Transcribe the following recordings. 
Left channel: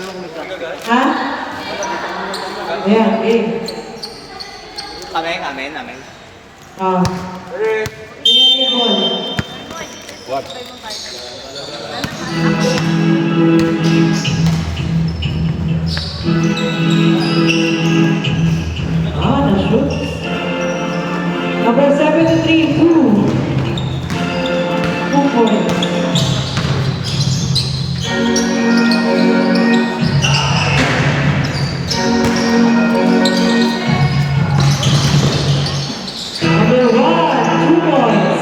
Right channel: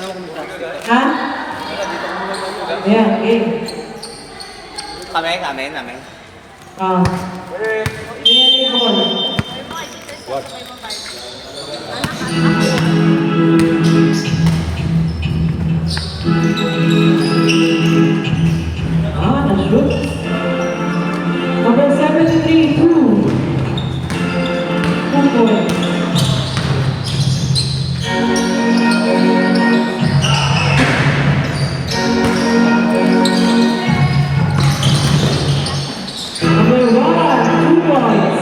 Ha? Ayan, game. Amen. Ah. Very good. What? Na-shoot. Number 73, 2. 2 points. Number 1, 2 points.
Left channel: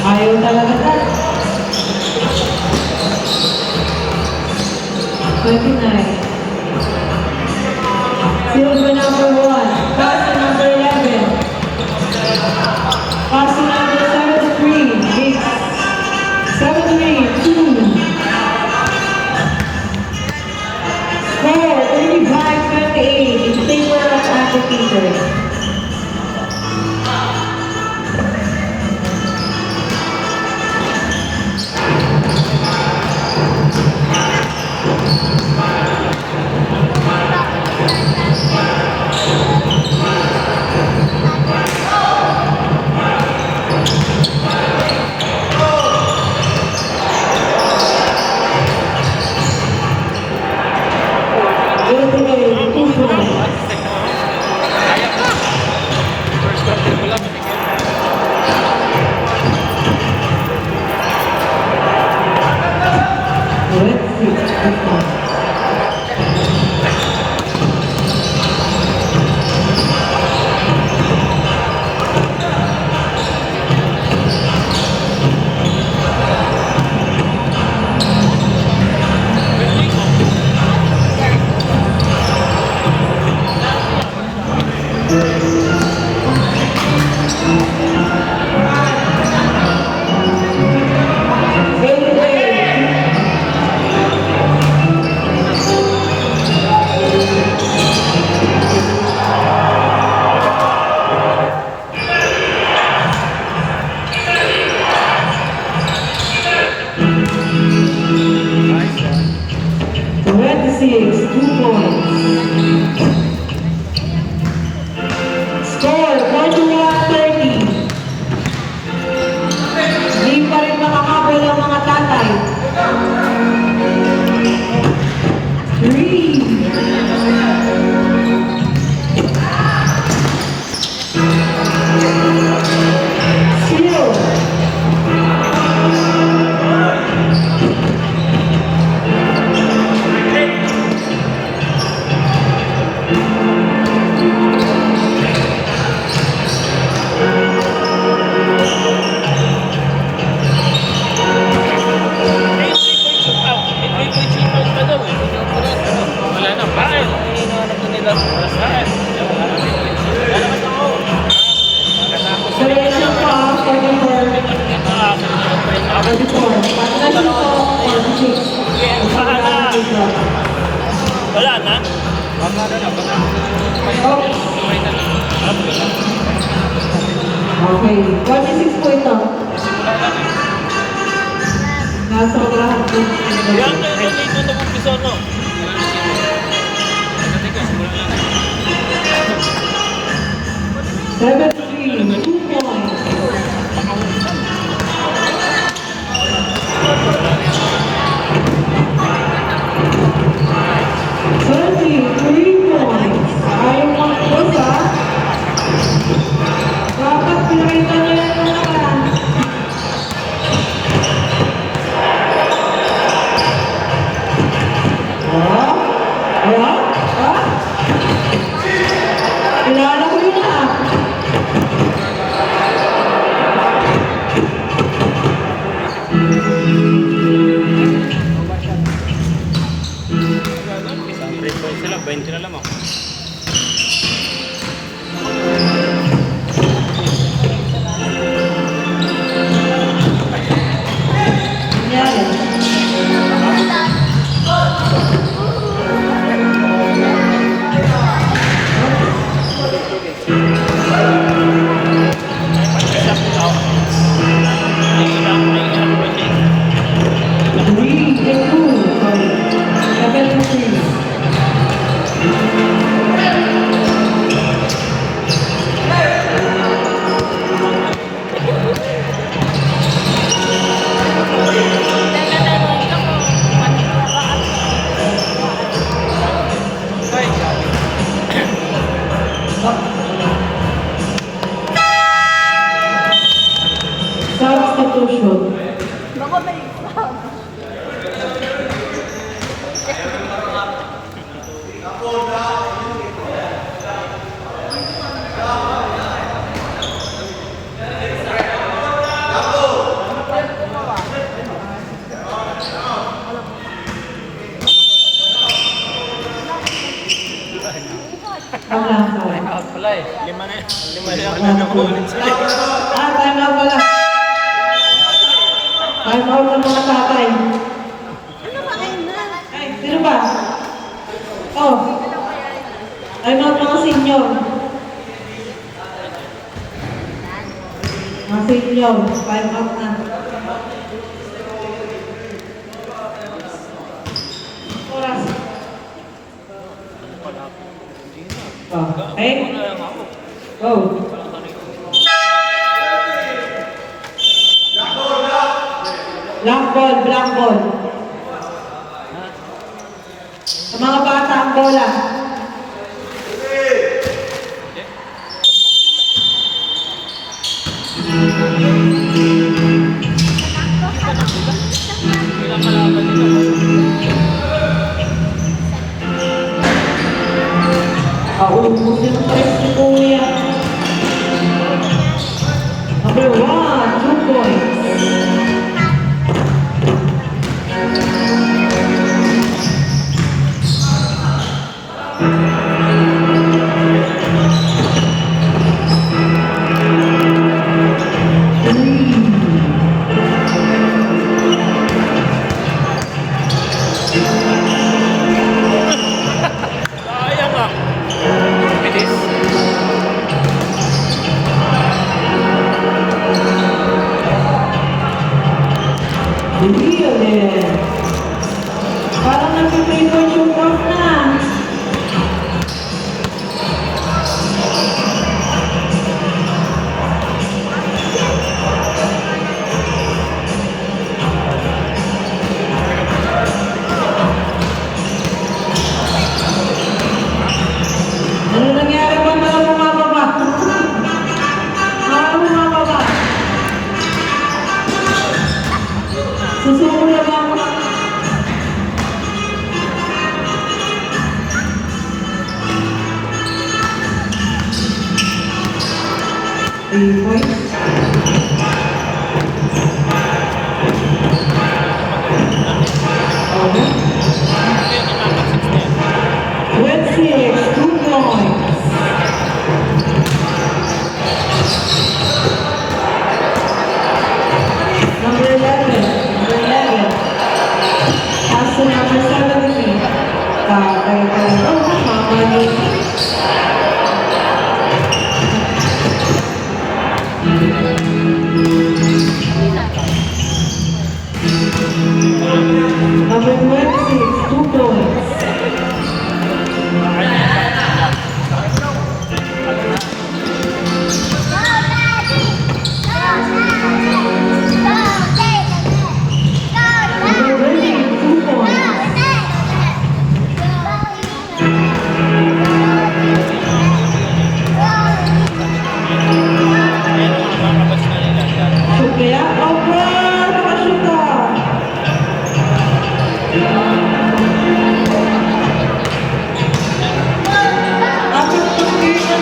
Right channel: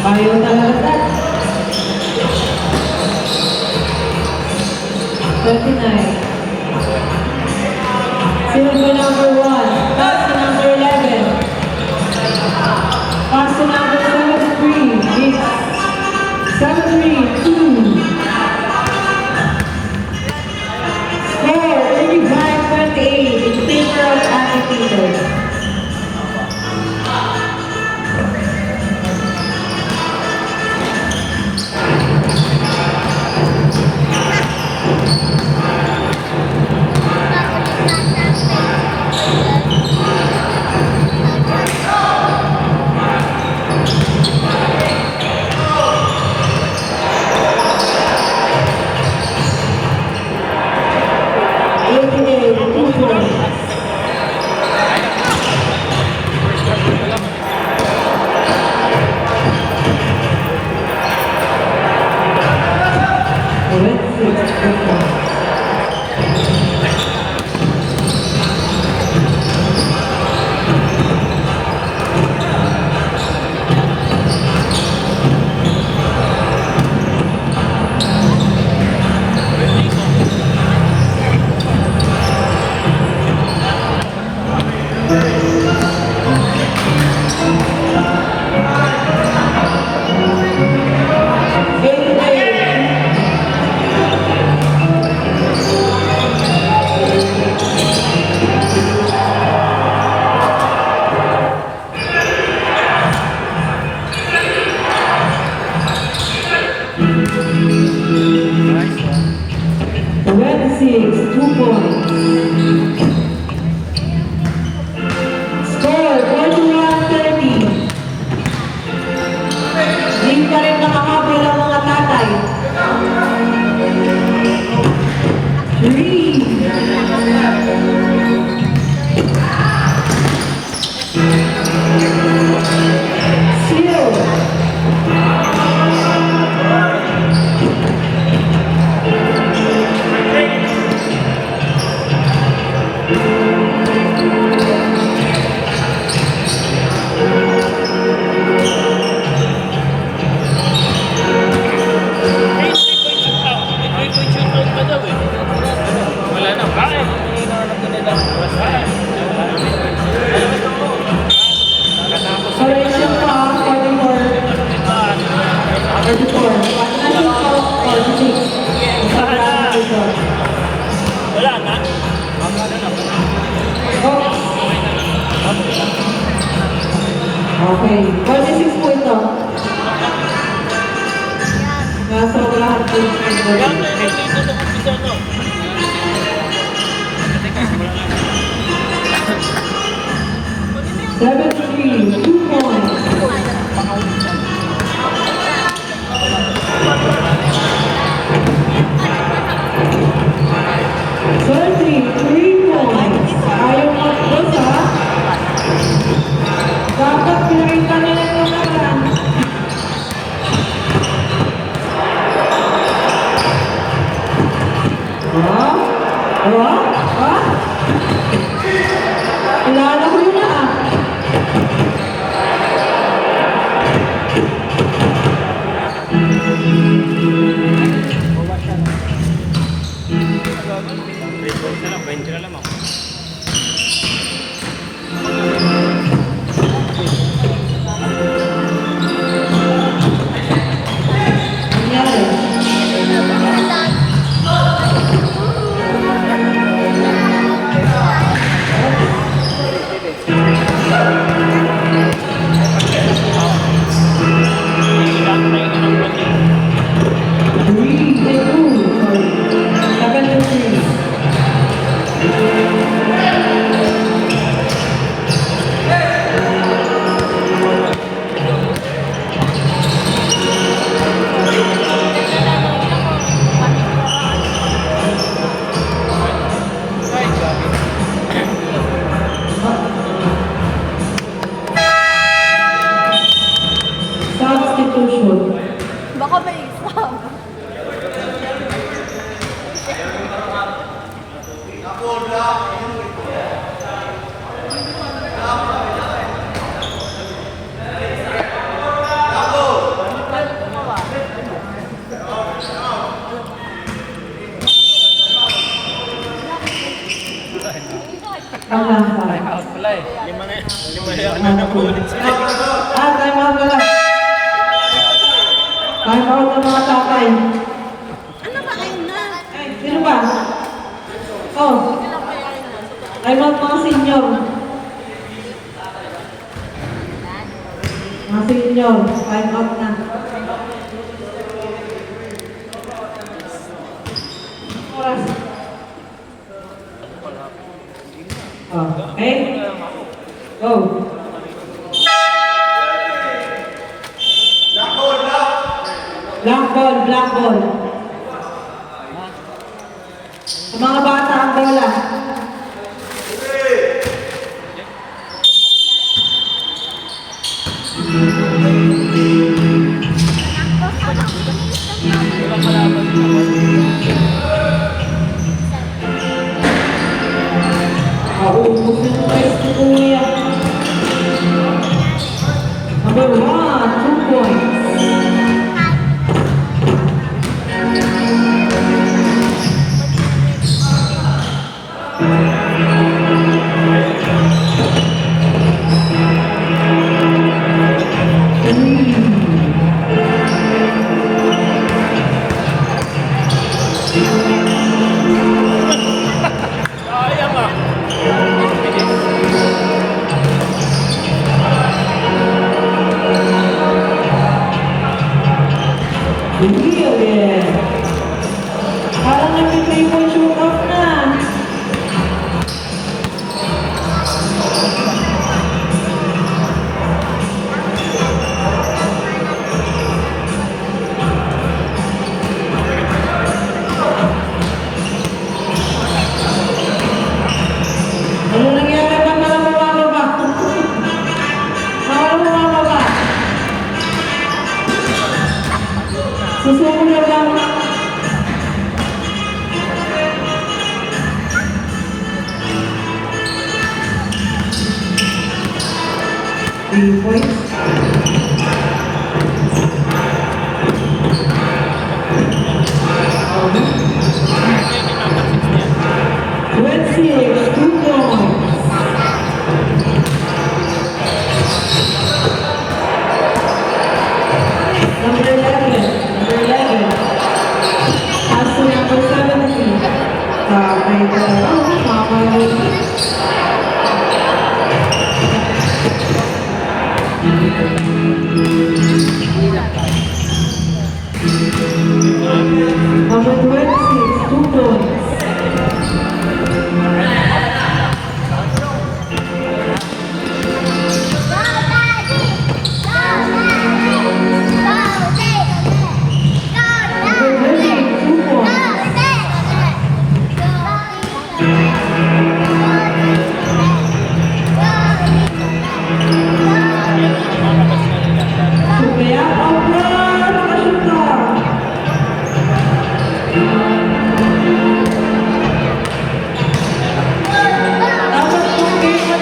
Ayaw talaga dad. 39. Silver number 1. Pass to number 11. Pass to number 73. Mix. 73, 2. Score 35-28 in favor of Agriculture. Okay, 46 po ito. Nasa lahat po. 73, 2 points. 20 na lamang. Substitution. Baka may exam. Ang lang pa. Time out pala eh. Lima na yan na ulit sila. Time out pala. Time out ng mga tatay. Ano ba kayo na? Ay, sino ba? Oh. Time out mga senior. Mga senior, time out na. Oras. Oh, okay? Go. Black ball, black ball. Sa mga bata ang bola. Ubus yung press ni Kuya. Number 1, 2 points. Sayang ah. Bilis. Hindi ulit. Parang nag-paper shoot off na. Ano nangyari ba na bumababa? Parang bumababa. Susuko lang. Three points. Okay. 26, 2 points. Number 11. Pass to number 17. Kay Talaro, Mama. Number 26, 2 points. Number 20, 2 points. Sumaya, over! Nakashuta! Dapat pag-iwan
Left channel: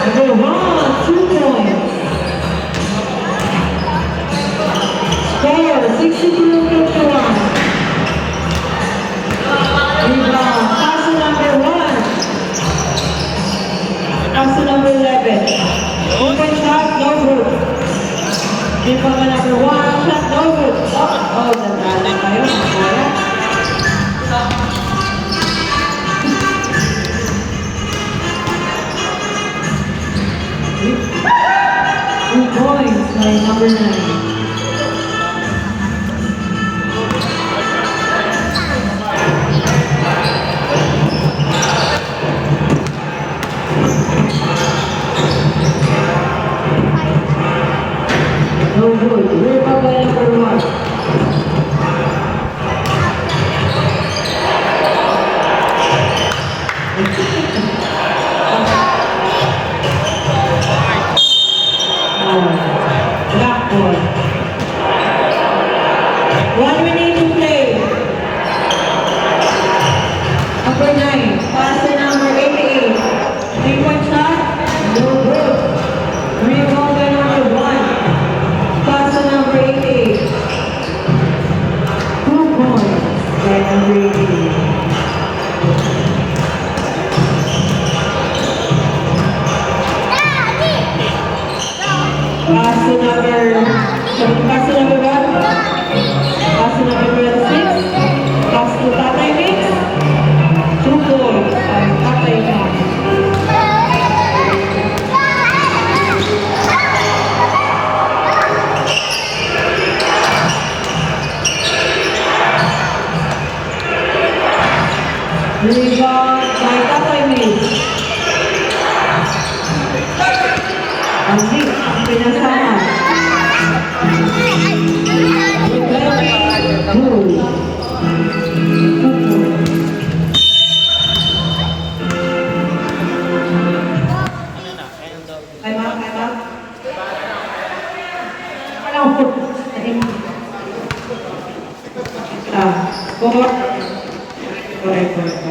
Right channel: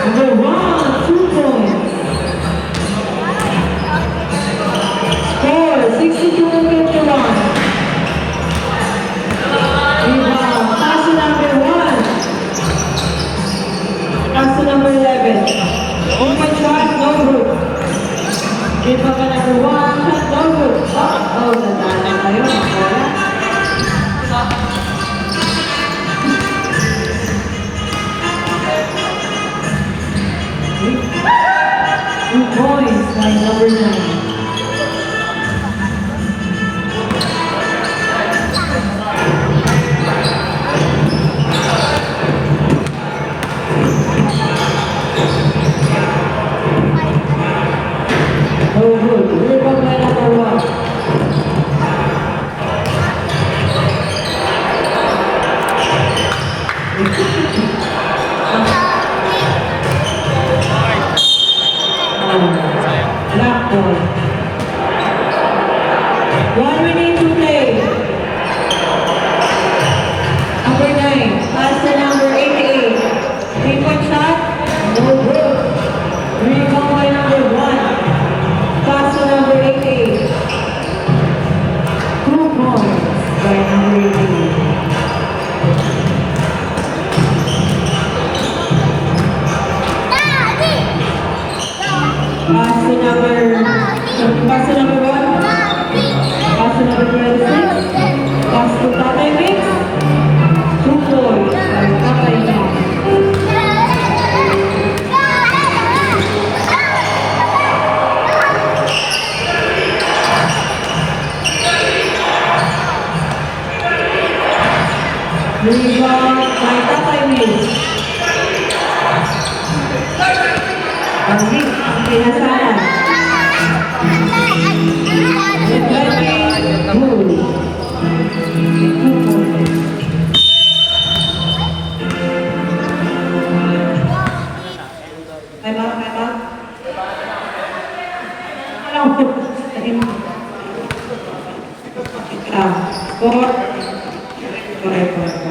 Number 1, 2 points. 2 points by number 9. No good. Rebound by number 1. Black ball. 1 minute to play. Number 9, pass to number 88. 3-point shot, no good. Rebound by number 1. Pass to number 88. 2 points by number 88. Pass to number, pass to number 1. Pass to number 6. Pass to Tatay Mix. 2 points by Tatay Mix. Rebound by Tatay Mix. Ang Mix ang pinasama. Time out, time out. Walang score. Correct.